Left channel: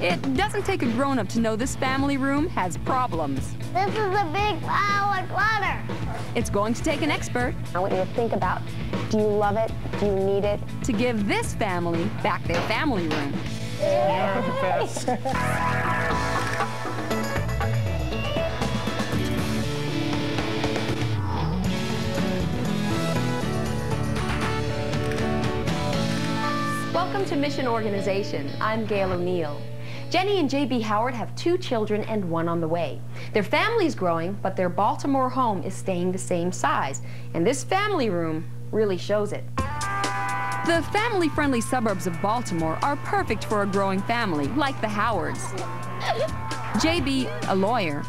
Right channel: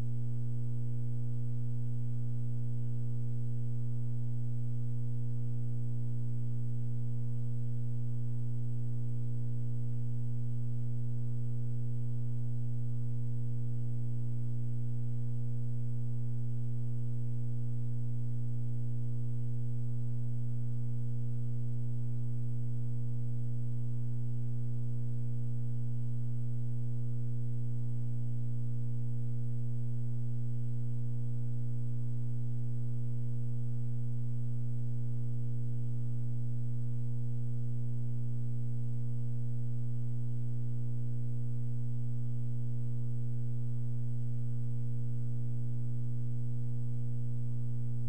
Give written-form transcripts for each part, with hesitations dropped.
It doesn't take a grown-up to know this family room has problems. This is a big pile of clutter. It's going to take an expert. I want you to think about, do you love it? Do you need it? To give this family back their family room. Welcome to Mission Organization. I'm Gail O'Neill. Jenny and J.B. Howard have 2 children and 1 on the way. Their family's growing, but their Baltimore home is staying the same size, and this family room really shows it. The family-friendly suburbs of Baltimore are perfect for a growing family like the Howards. J.B., a lawyer,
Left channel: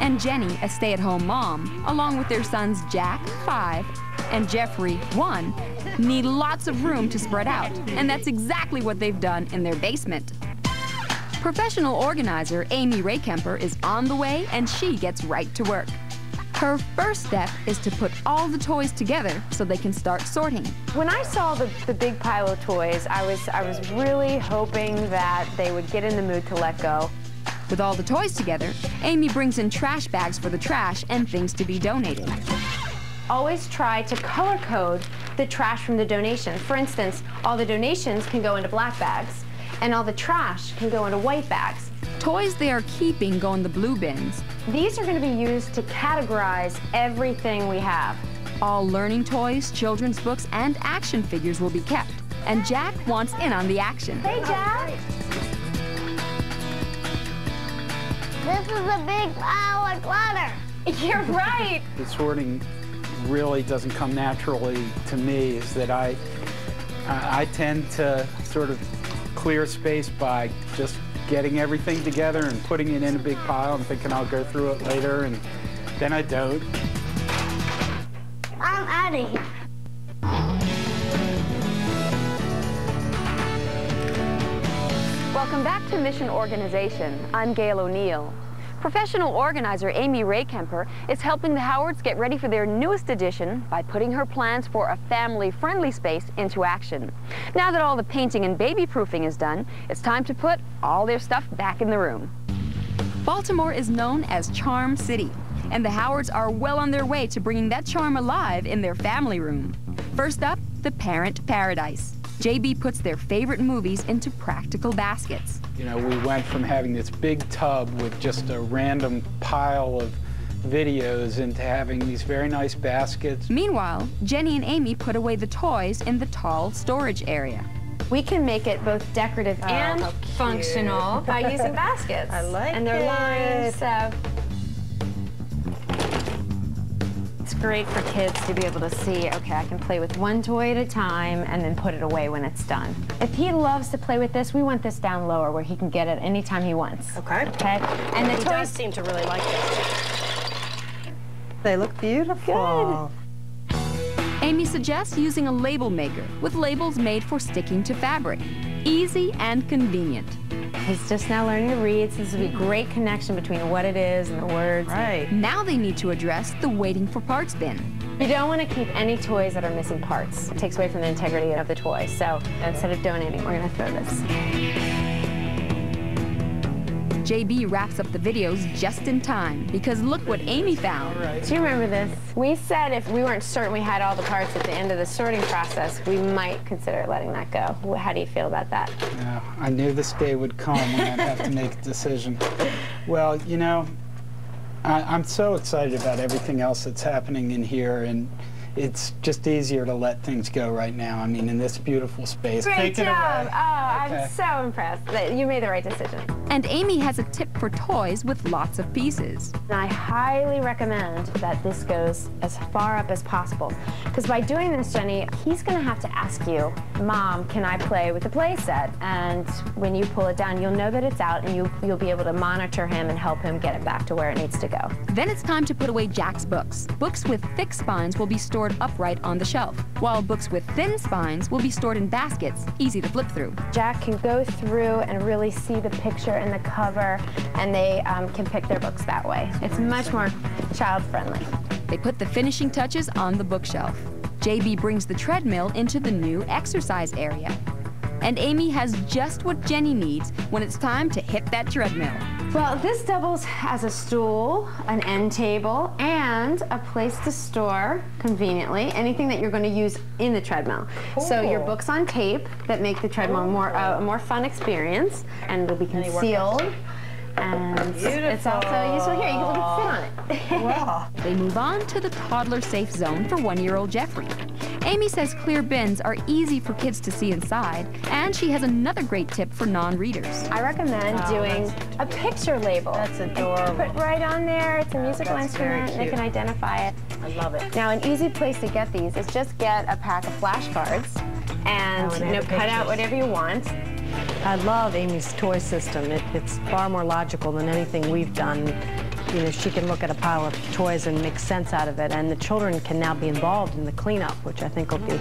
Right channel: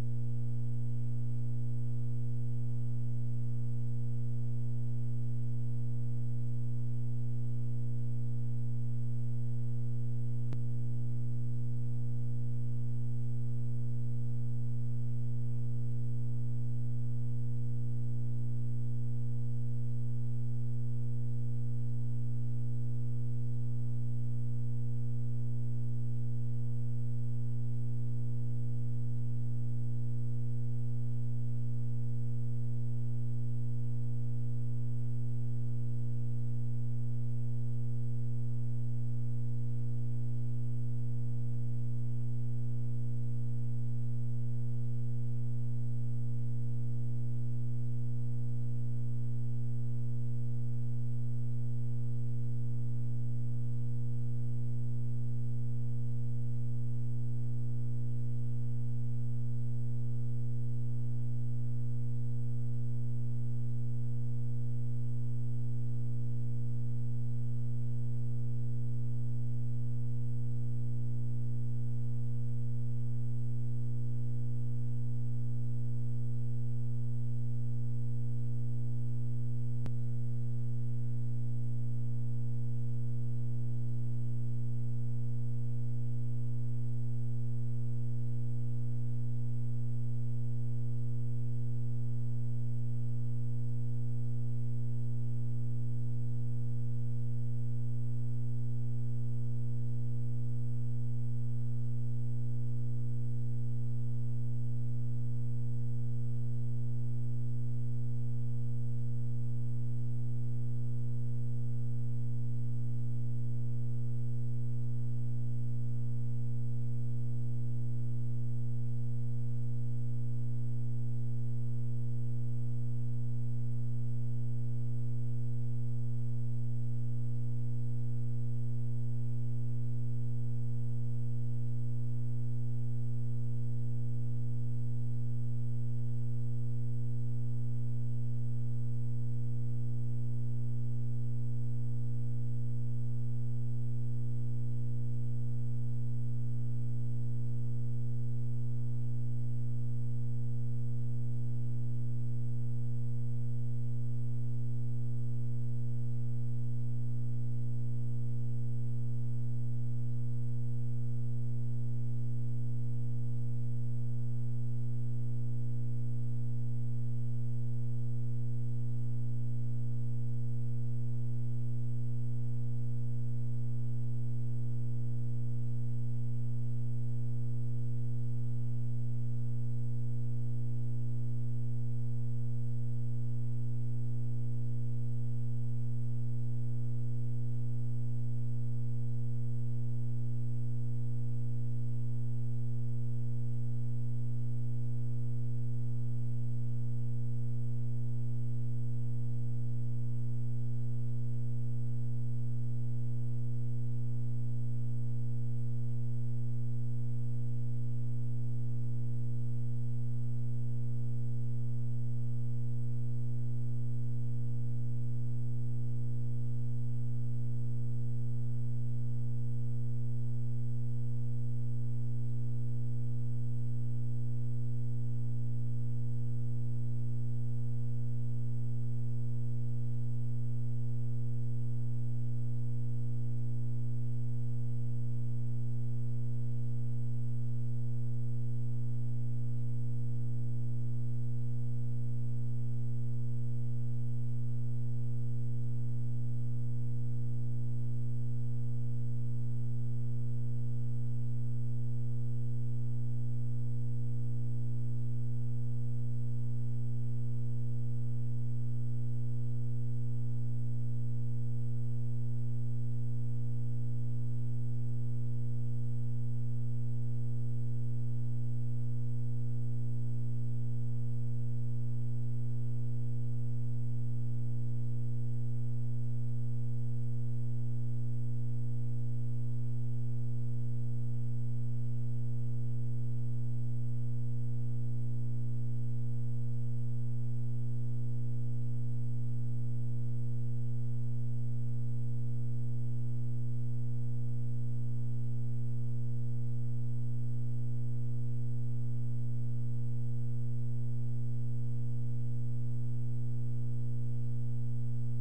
and Jenny, a stay-at-home mom, along with their sons Jack, 5, and Jeffrey, 1, need lots of room to spread out, and that's exactly what they've done in their basement. Professional organizer Amy Rehkemper is on the way, and she gets right to work. Her first step is to put all the toys together so they can start sorting. When I saw the big pile of toys, I was really hoping that they would get in the mood to let go. With all the toys together, Amy brings in trash bags for the trash and things to be donated. Always try to color code the trash from the donation. For instance, all the donations can go into black bags, and all the trash can go into white bags. Toys they are keeping go in the blue bins. These are going to be used to categorize everything we have. All learning toys, children's books, and action figures will be kept. And Jack wants in on the action. Hey, Jack! This is a big pile of clutter. You're right! The sorting really doesn't come naturally to me, is that I tend to sort of clear space by just getting everything together and putting it in a big pile and thinking I'll go through it later, and then I don't. I'm out of here. Welcome back to Mission Organization. I'm Gail O'Neill. Professional organizer Amy Rehkemper is helping the Howards get ready for their newest edition by putting her plans for a family-friendly space into action. Now that all the painting and baby-proofing is done, it's time to put all their stuff back in the room. Baltimore is known as Charm City, and the Howards are well on their way to bringing that charm alive in their family room. First up, the Parent Paradise. J.B. puts their favorite movies into practical baskets. You know, we went from having this big tub with just a random pile of videos into having these very nice baskets. Meanwhile, Jenny and Amy put away the toys in the tall storage area. We can make it both decorative and functional by using baskets. I like and they're lined, so it's great for kids to be able to see, okay, I can play with one toy at a time and then put it away when it's done. If he loves to play with this, we want this down lower where he can get it anytime he wants. Okay. Okay? And the He toys does seem to really like this. They look beautiful. Amy suggests using a label maker with labels made for sticking to fabric. Easy and convenient. He's just now learning to read, so this will be a great connection between what it is and the words. Right. Now they need to address the waiting for parts bin. You don't want to keep any toys that are missing parts. It takes away from the integrity of the toy. So instead of donating, we're going to throw this. JB wraps up the videos just in time because look what Amy found. Do you remember this? We said if we weren't certain we had all the parts at the end of the sorting process, we might consider letting that go. How do you feel about that? Yeah, I knew this day would come when I'd have to make a decision. Well, you know, I'm so excited about everything else that's happening in here, and it's just easier to let things go right now. I mean, in this beautiful space. Great Take it job! away. Oh, Okay. I'm so impressed that you made the right decision. And Amy has a tip for toys with lots of pieces. And I highly recommend that this goes as far up as possible. Because by doing this, Jenny, he's going to have to ask you, Mom, can I play with the play set? And when you pull it down, you'll know that it's out, and you'll be able to monitor him and help him get it back to where it needs to go. Then it's time to put away Jack's books. Books with thick spines will be stored upright on the shelf, while books with thin spines will be stored in baskets, easy to flip through. Jack can go through and really see the picture and the cover, and they can pick their books that way. It's much more child-friendly. They put the finishing touches on the bookshelf. JB brings the treadmill into the new exercise area. And Amy has just what Jenny needs when it's time to hit that treadmill. Well, this doubles as a stool, an end table, and a place to store, conveniently, anything that you're going to use in the treadmill. Cool. So your books on tape that make the treadmill a more fun experience, and it'll be concealed. And it's also useful here. You can sit on it. Wow. They move on to the toddler-safe zone for 1-year-old Jeffrey. Amy says clear bins are easy for kids to see inside, and she has another great tip for non-readers. I recommend doing a picture label. That's adorable. Put right on there. It's a musical instrument. They can identify it. I love it. Now, an easy place to get these is just get a pack of flashcards and cut out whatever you want. I love Amy's toy system. It's far more logical than anything we've done. You know, she can look at a pile of toys and make sense out of it, and the children can now be involved in the cleanup, which I think will be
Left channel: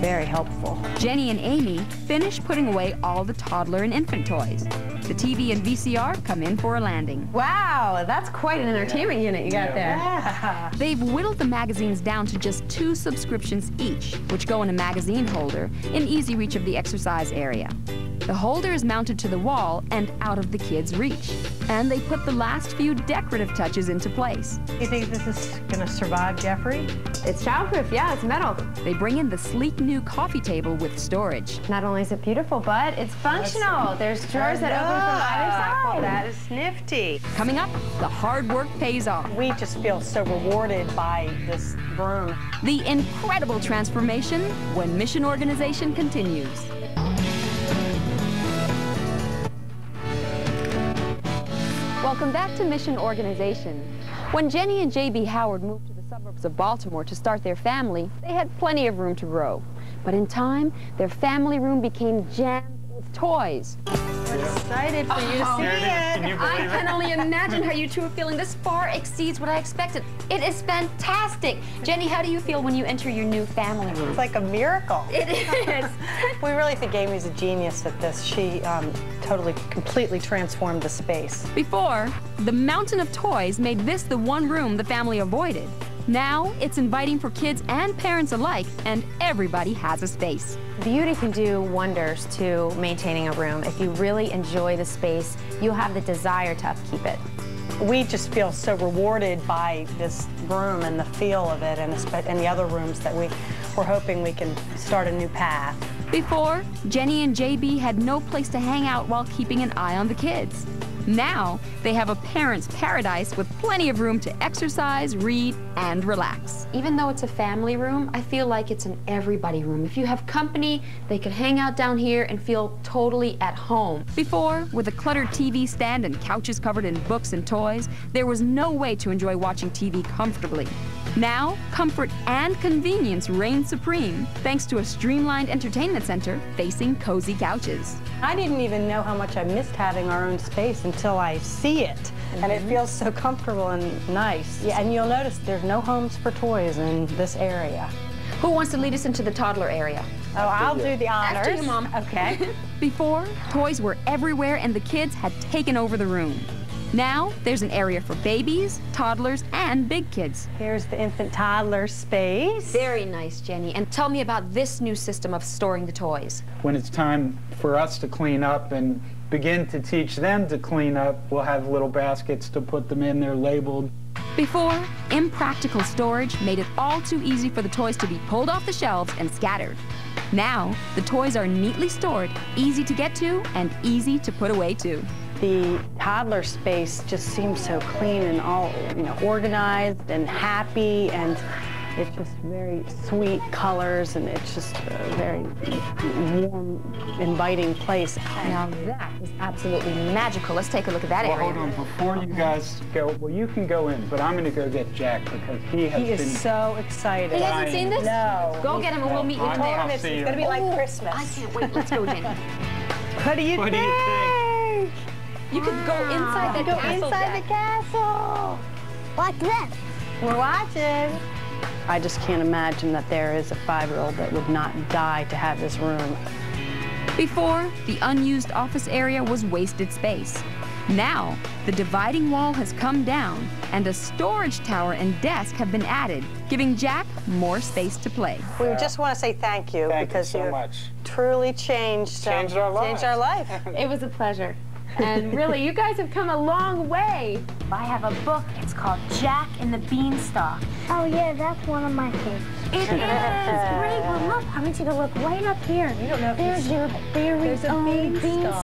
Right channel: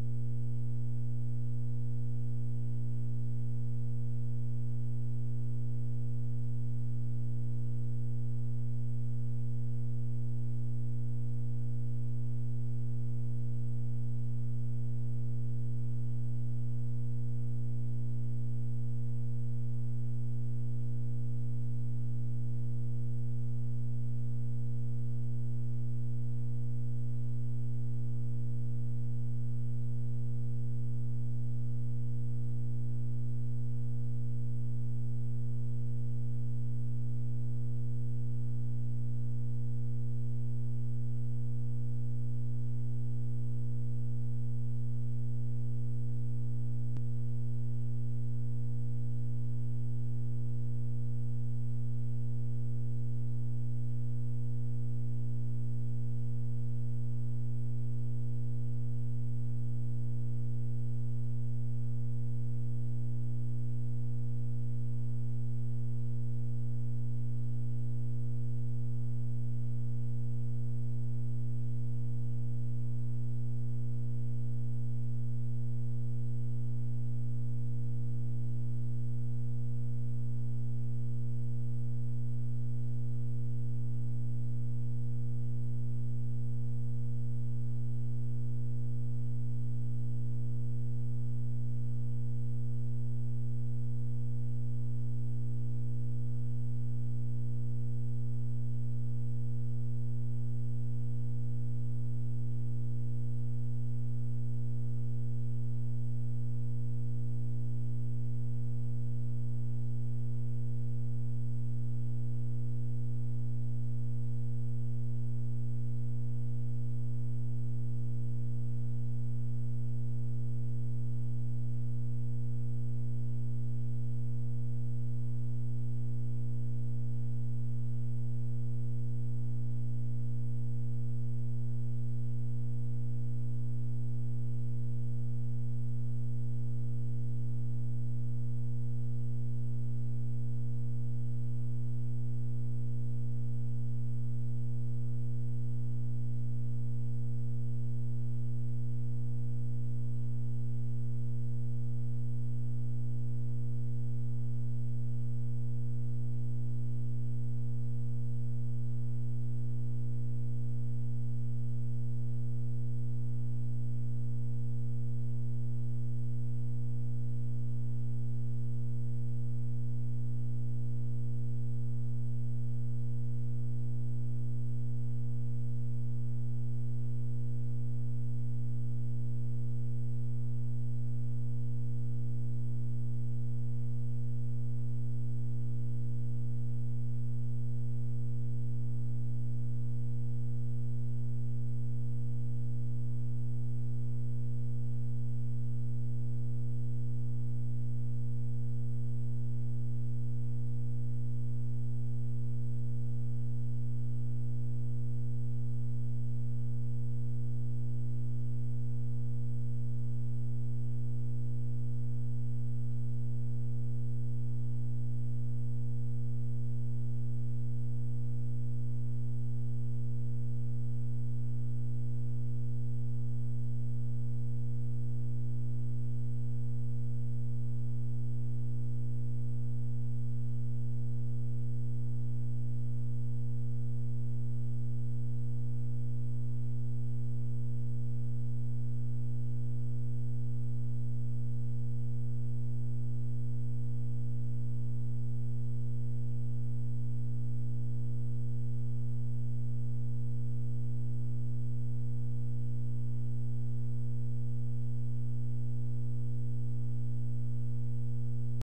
very helpful. Jenny and Amy finish putting away all the toddler and infant toys. The TV and VCR come in for a landing. Wow, that's quite an entertainment unit you got there. Yeah. They've whittled the magazines down to just 2 subscriptions each, which go in a magazine holder in easy reach of the exercise area. The holder is mounted to the wall and out of the kids' reach. And they put the last few decorative touches into place. You think this is going to survive, Jeffrey? It's childproof, yeah, it's metal. They bring in the sleek new coffee table with storage. Not only is it beautiful, but it's functional. There's drawers that open from either side. That is nifty. Coming up, the hard work pays off. We just feel so rewarded by this broom. The incredible transformation when Mission Organization continues. Welcome back to Mission Organization. When Jenny and J.B. Howard moved to the suburbs of Baltimore to start their family, they had plenty of room to grow. But in time, their family room became jammed with toys. We're excited for you to see it. I can only imagine how you two are feeling. This far exceeds what I expected. It is fantastic. Jenny, how do you feel when you enter your new family room? It's like a miracle. It is. We really think Amy's a genius at this. She completely transformed the space. Before, the mountain of toys made this the one room the family avoided. Now, it's inviting for kids and parents alike, and everybody has a space. Beauty can do wonders to maintaining a room. If you really enjoy the space, you'll have the desire to upkeep it. We just feel so rewarded by this room and the feel of it, and the other rooms that we're hoping we can start a new path. Before, Jenny and JB had no place to hang out while keeping an eye on the kids. Now, they have a parent's paradise with plenty of room to exercise, read, and relax. Even though it's a family room, I feel like it's an everybody room. If you have company, they could hang out down here and feel totally at home. Before, with a cluttered TV stand and couches covered in books and toys, there was no way to enjoy watching TV comfortably. Now, comfort and convenience reign supreme, thanks to a streamlined entertainment center facing cozy couches. I didn't even know how much I missed having our own space until I see it. And it feels so comfortable and nice. Yeah, and you'll notice there's no homes for toys in this area. Who wants to lead us into the toddler area? Oh, I'll do the honors. After you, Mom. Okay. Before, toys were everywhere and the kids had taken over the room. Now, there's an area for babies, toddlers, and big kids. Here's the infant toddler space. Very nice, Jenny. And tell me about this new system of storing the toys. When it's time for us to clean up and begin to teach them to clean up, we'll have little baskets to put them in. They're labeled. Before, impractical storage made it all too easy for the toys to be pulled off the shelves and scattered. Now, the toys are neatly stored, easy to get to, and easy to put away too. The toddler space just seems so clean and all, organized and happy, and it's just very sweet colors, and it's just a very warm, inviting place. Now that is absolutely magical. Let's take a look at that area. Hold on, before you guys go, well, you can go in, but I'm going to go get Jack because he is so excited. He hasn't seen this? No. Go get him and we'll meet you in there. I'll see It's you. going to be like Christmas. I can't wait. Let's go, Jenny. What do you think? You could go inside that Go castle, inside Jack. the castle. Watch this. We're watching. I just can't imagine that there is a 5-year-old that would not die to have this room. Before, the unused office area was wasted space. Now, the dividing wall has come down and a storage tower and desk have been added, giving Jack more space to play. We just want to say thank you because you so much. Truly changed our lives. Changed our life. It was a pleasure. And really, you guys have come a long way. I have a book. It's called Jack and the Beanstalk. Oh yeah, that's one of my favorites. It is great. Well, look, I want you to look right up here. You don't know if there's your very own beanstalk.